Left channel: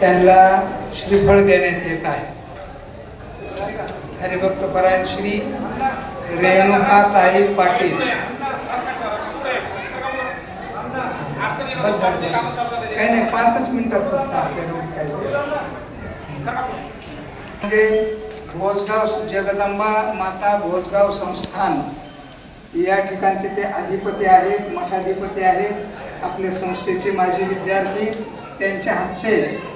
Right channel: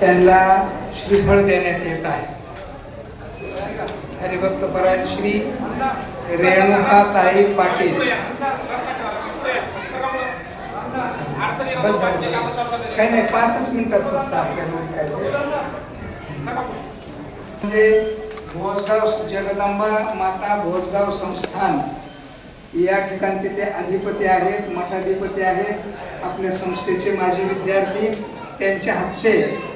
त्यांना श्रीफळ देण्यात येत आहे. हरिभक्त परायण श्री रेणुका ताई पाटील. काही नाही पाचच मिनिटात म्हणजे भोजगाव जगदंबा माता भोजगाव संस्थान या ठिकाणचे ते अधिपती आहेत मठाधिपती आहेत आपल्या संस्थेचे माजी विद्यार्थी त्यांच्या हातचे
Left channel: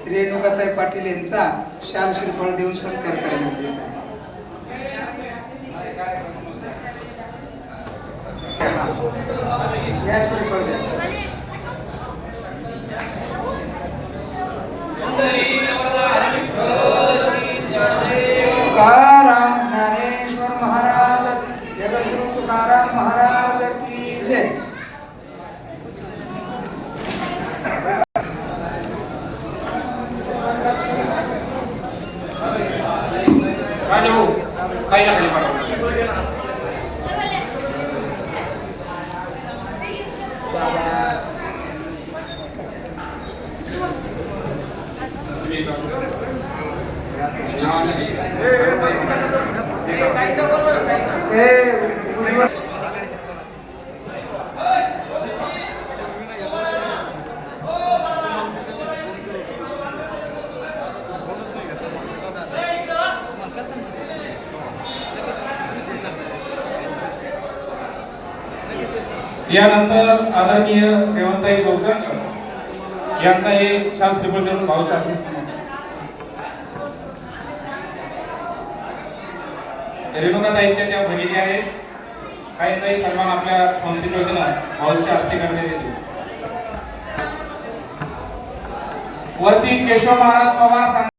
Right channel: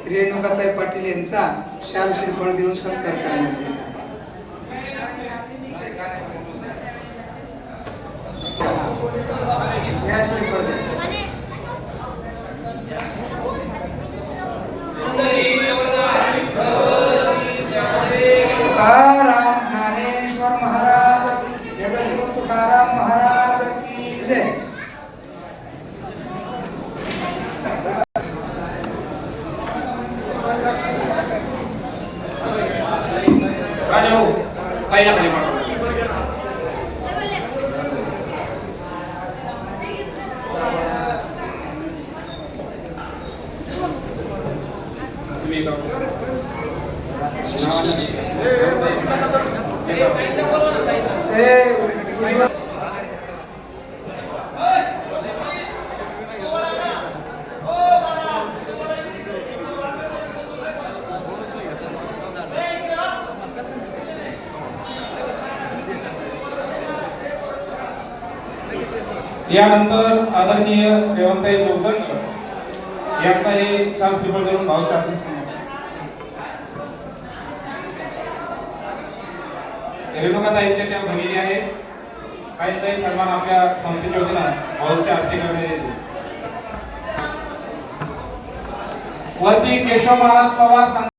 रेणुकाताई पाटील यांचा शाल श्रीफळ देऊन सत्कार करण्यात येत आहे. या श्रीफळ द्या கையில் களி Thank you. यानंतर आदरणीय रेवंताई जोगदंड यांचा हे शास्त्री श्रीफळ देऊन भावशास्त्री रेणुकाताईंच्या ज्या भगिनी आहेत काहीचाही सन्मान आपल्या समितीच्या वतीनं भाऊच्या हस्ते करण्यात येतो. वरती केशव महाराज पवार